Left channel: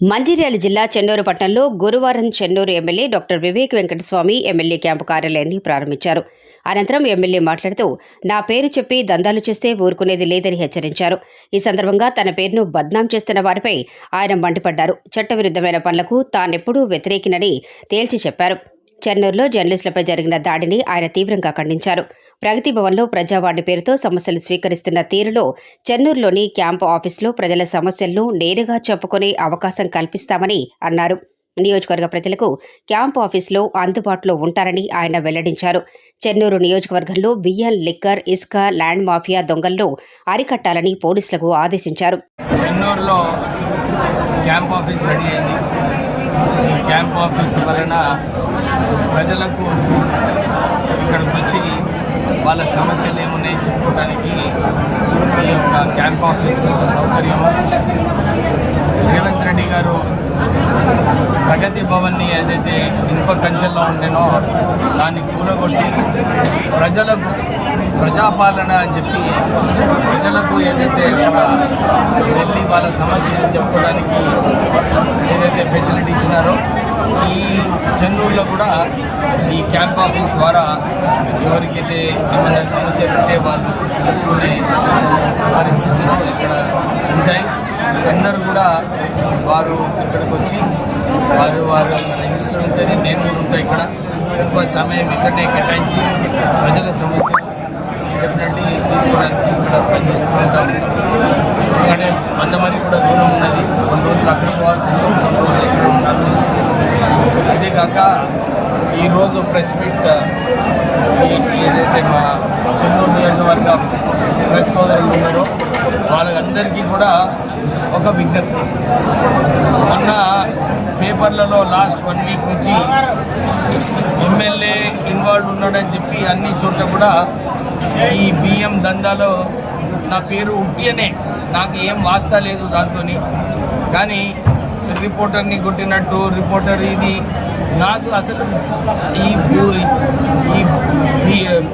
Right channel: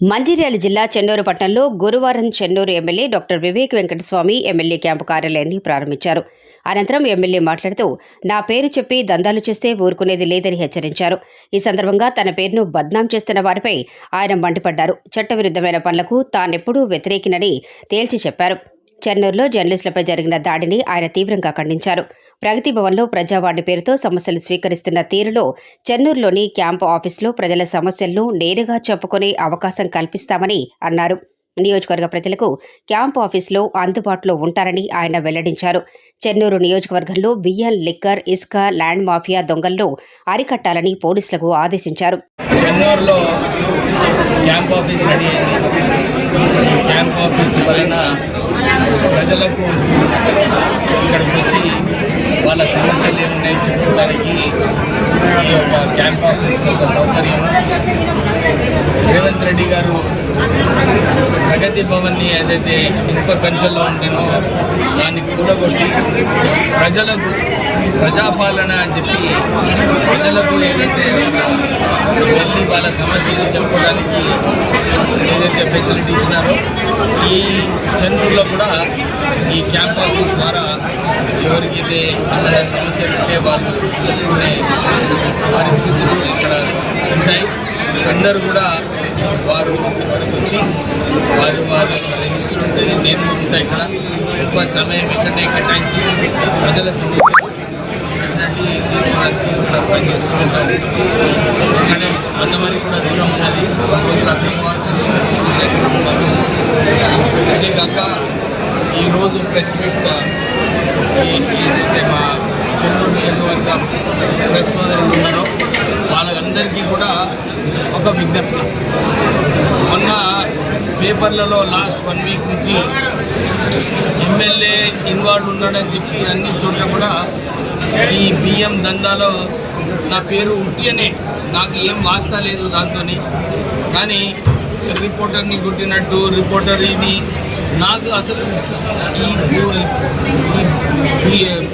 మంచిర్యాల జిల్లా చెన్నూరు పట్టణంలో గురువారం Chennur MLA doctor Vivek Venkataswamy MLA camp కార్యాలయాన్ని ప్రారంభించారు. అనంతరం ఎమ్మెల్యే మాట్లాడుతూ నా పేరు చెప్పి దందాలు చేస్తే ఊరుకునేది లేదని హెచ్చరించారు. ఈ సందర్భంగా తన పేరును బద్నాం చేస్తున్న వారిపై ఆయన మండిపడ్డారు. చట్టవిరుద్ధమైన పనులకు తానెప్పుడూ వ్యతిరేకినని తేల్చి చెప్పారు. చెన్నూరులో జర్నలిస్టులపై జరిగిన దాడిని ఆయన తీవ్రంగా ఖండించారు. ప్రగతి భవన్లో ప్రజావాణి పేరుతో సమస్యలు స్వీకరిస్తున్న తీరులో చెన్నూరులోని క్యాంపు ఆఫీసులో ప్రజల సమస్యలను నేరుగా చెప్పుకునే అవకాశం కల్పిస్తామని అన్నారు. నియోజకవర్గ ప్రజలకు క్యాంపు ఆఫీసులో అందుబాటులో ఉంటారని ఆయన వెల్లడించారు. చెన్నూరు నియోజకవర్గంలో బియ్యం, లిక్కర్, ఇసుక, ల్యాండ్ మాఫియా దొంగలను అరికట్టాలని పోలీసులకు ఆదేశించారు. చెన్నూరులో క్యాంప్ ఆఫీస్ రెడీ అయింది. క్యాంప్ ఆఫీస్ వలన ప్రజలకు ఇక్కడికి వచ్చి వాళ్ళ సమస్యలు ఏమున్నాయి చెప్పుకోవడానికి ఈ యొక్క క్యాంప్ ఆఫీస్ ఒక సౌకర్యం. రేవంత్ రెడ్డి గారు ప్రగతి భవన్ని ఏదైతే ఇనుప కంచెల్లో ఉంటేనో దాన్ని కూలగొట్టి ప్రజలకు ప్రజాపాలన అని చెప్పి ప్రజలకు ఏదైతే వెళ్ళి వాళ్ళ సమస్యలు చెప్పుకోవడానికి ఏదైతే ఫెసిలిటీ ఇచ్చినారో ఈ చెన్నూరులో కూడా ఈ క్యాంప్ ఆఫీస్ ద్వారా ఎవరికైతే ఏమైనా సమస్యలు ఉంటే వాళ్ళు చెప్పుకునే పరిస్థితులు ఇక్కడ ఉంటాయి. అందరూ కూడా వారు ఇక్కడికి వచ్చి వారు రిజిస్టర్ ఉంటుంది. నేను కూడా ఉంటా ఇక్కడ ఎక్కువ సమయం ఇక్కడనే కేటాయించి ప్రజల సమస్యలు డెఫినెట్లీ తీర్చడానికి ఇక్కడ పనిచేస్తూ ఉంటాం. ఎందుకంటే మందమరి కూడా దూరం ఉన్నది. కొన్ని రోజులు అక్కడ పోవాల్సి వస్తుంది, కొన్ని రోజులు ఎక్కడ ఉన్నాను. అంతేకాక ఈరోజు ప్రెస్ మీట్ ఏదైతే మా చెన్నూరు నియోజకవర్గం ప్రెస్ సోదరులు ఉన్నారో వాళ్ళందరికీ కూడా ఒక విజ్ఞప్తి. మొన్న పేపర్లలో లాస్ట్ 1 వీక్ నుంచి ఎమ్మెల్యే ఇన్వాల్వ్ ఉన్నాడని చెప్పి అన్ని చోట్ల కూడా ఈ బియ్యం దందాలో నా పేరు ఉట్టియనే, నాకు ఏం వాస్తా లేదు దాంతో. కానీ రిపోర్టర్ని కొట్టినట్టు రిపోర్టర్ ఇది నాకు అసలు ఈ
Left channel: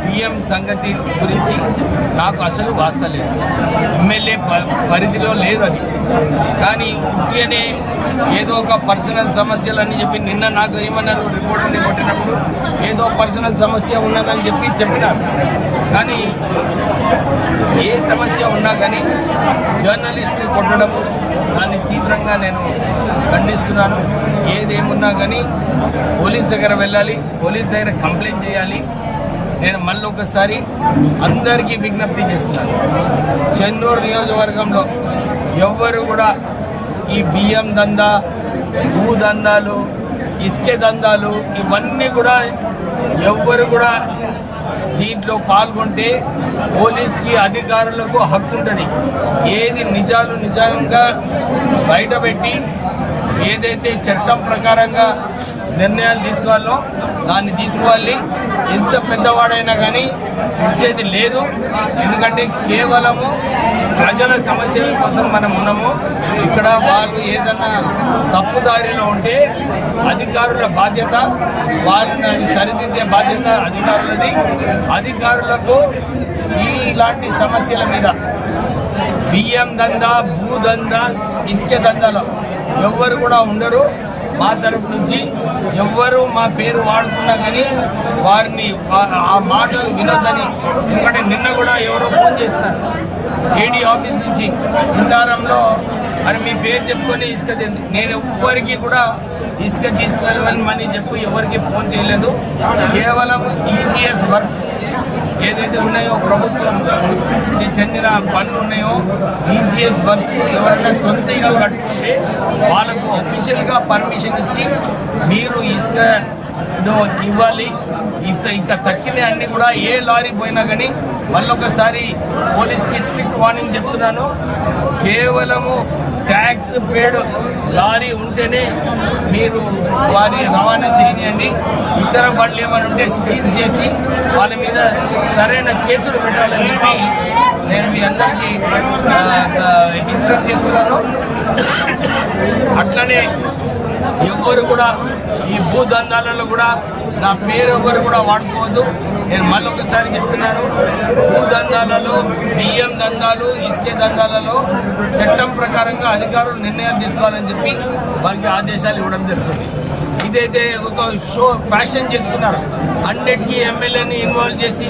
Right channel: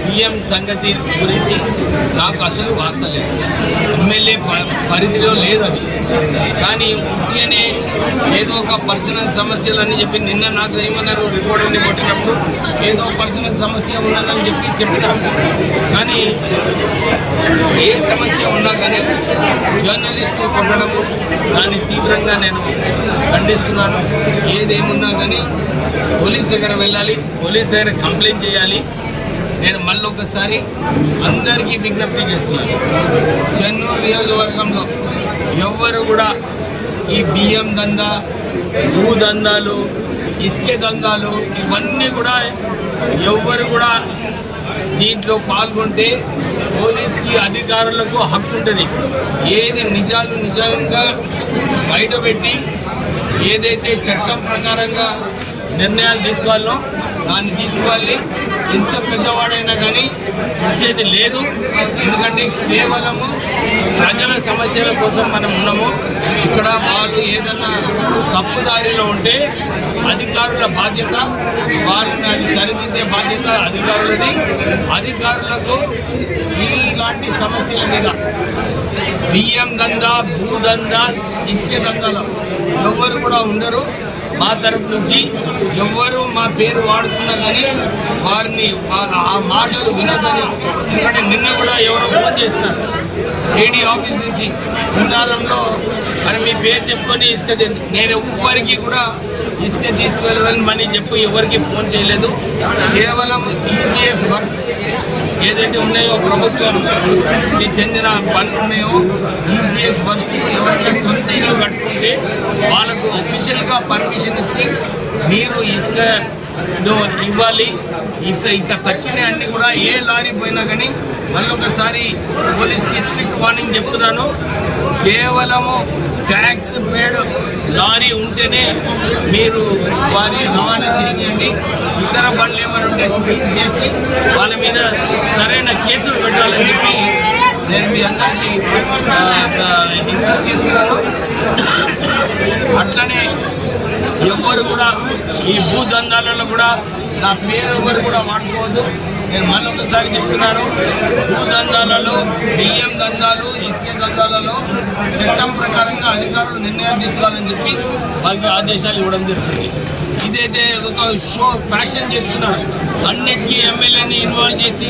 బియ్యం సంగతి గురించి నాకు అసలు వాస్తా లేదు. ఎమ్మెల్యే పరిధిలో లేదు అది. కానీ ఉట్టియనే ఏదో ఒక పర్సనల్ సమస్యలు అని చెప్పి నిన్న నాకు ఏమన్నారు, రిపోర్టర్ని కొట్టినప్పుడు ఏదో పర్సనల్ సమస్య ఉన్నదని చెప్పినారు. కానీ ఏ సమస్య ఉన్నా కానీ జర్నలిస్ట్ని కొట్టడము దాన్ని తీవ్రంగా నేను ఖండిస్తున్నాను. ఏదేమున్నా కానీ పోలీస్ దగ్గర వెళ్ళాలి, పోలీస్ దగ్గర కంప్లైంట్ చేయాలి. నేను మళ్ళీ ఒకసారి అందరికీ విజ్ఞప్తి చేస్తున్నాను. చెన్నూరు నియోజకవర్గంలో ఎవ్వరు కూడా ఈ బియ్యం దందా, భూ దందాలు, ఇసుక దందాలు ఇవన్నీ కూడా ఎవ్వరు కూడా దీంట్లో పాల్గొంటే పోలీస్కి అధికారులకు హక్కు ఉంటుంది. ఏది నిజంగా బయటపెట్టి ఏదైతే చట్టం ప్రకారంగా నిర్ణయాలు తీసుకోవాలో దాన్ని తీసుకోవాలి. ఎంత పెద్దవాడైనా కానీ ఇచ్చేది లేదు. ఎందుకంటే కేవలము ప్రజల సమస్యల కోసం మనం ఉన్నాము. ఇక్కడ వాళ్ళు ఏదన్నా తప్పుదారిలో ఉంటే అధికారుల బాధ్యత, వాళ్ళని అది సరిదిద్దే బాధ్యత అధికారులది. అధికారులకు ఇలాంటి సమస్యల మీద బియ్యం దందా, భూ దందా, ఇసుక దందాలో ఎవ్వరు కూడా ఉండరు. మా తరపు నుంచి ఎవ్వరు మా పేరు వాడుకున్నా కానీ వారిని ఆ మాటలు వినొద్దని. ఎందుకంటే నిన్న కూడా ఎవరో ఫోన్ చేస్తున్నారు ఏడీ ఆఫీస్ నుంచి, విన్నారంలో మరి మీ పేరు చెప్పుకొని ఇసుక. నేను ఎవ్వరికి కూడా ఇసుక తీసుకువెళ్ళని మనీ చెప్పు ఎవరికి ఫోన్ చేయలేదు. కేవలం ఈజీఎస్ వర్క్స్ ఏదైతే ఉన్నాయో ప్రభుత్వానికి చెందిన పనులు ఉన్నాయో ఈజీఎస్ వర్క్స్ ఎవరైనా సొంత ఇల్లు కట్టుకుంటే వాళ్ళకు అఫీషియల్గా పర్మిషన్ ఇచ్చి మీరు ఇసుక ఇవ్వాలి. ఇక తక్కిన అన్ని కూడా ఏ లారీ పోయినా కానీ మళ్ళొకసారి పోలీస్కి స్ట్రిక్ట్ వార్నింగ్ చెప్తున్నాను. కేవలము ట్యాక్స్ పేడ్ లారీ ఉంటేనే మీరు వారి రవాణా చేయనియండి. ఇతర బండ్లు ఏమైనా ఉంటే సీజ్ చేసి వాళ్ళ మీద సరైన కేసులు పెట్టాలని చెప్పి నేను మీ అందరికీ ఇన్స్ట్రక్ట్ చేస్తున్నాను. అట్లనే ఎవ్వరు కూడా ఈ భూదందాలలో కూడా నా పేరు ఎవరు కూడా వాడుకోవద్దు. నేను మళ్ళొకసారి చెప్తున్నాను, భూ దందాలలో, బియ్యం దందాలు, ఇసుక దందాలలో చట్టం ప్రకారంగా అధికారులు నిర్ణయాలు తీసుకోవాలని చెప్పి వారికి ఆదేశాలు ఇవ్వడం జరుగుతుంది. ఇదైతే ఒక షో ఫ్యాషన్ చేసుకున్నారు, అన్నిటికీ ఎమ్మెల్యేని ఇన్వాల్వ్ చేసి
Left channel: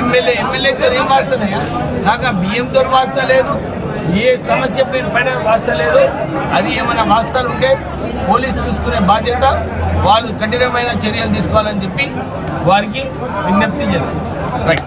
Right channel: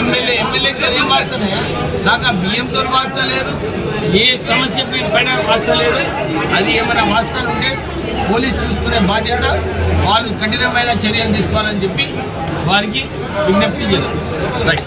ఎమ్మెల్యేతో ఏం వాస్తన్నాయా? నాకు ఆ బియ్యంతో వాస్తా లేదు, ఏ సమస్య పైన వాస్తా లేదు. అది ఏమైనా వాస్తాలు ఉంటే పోలీసు చూసుకునే బాధ్యత, వాళ్ళు కఠినమైన చర్యలు తీసుకోవాలని చెప్పి వారికి విజ్ఞప్తి చేస్తారు. రైట్.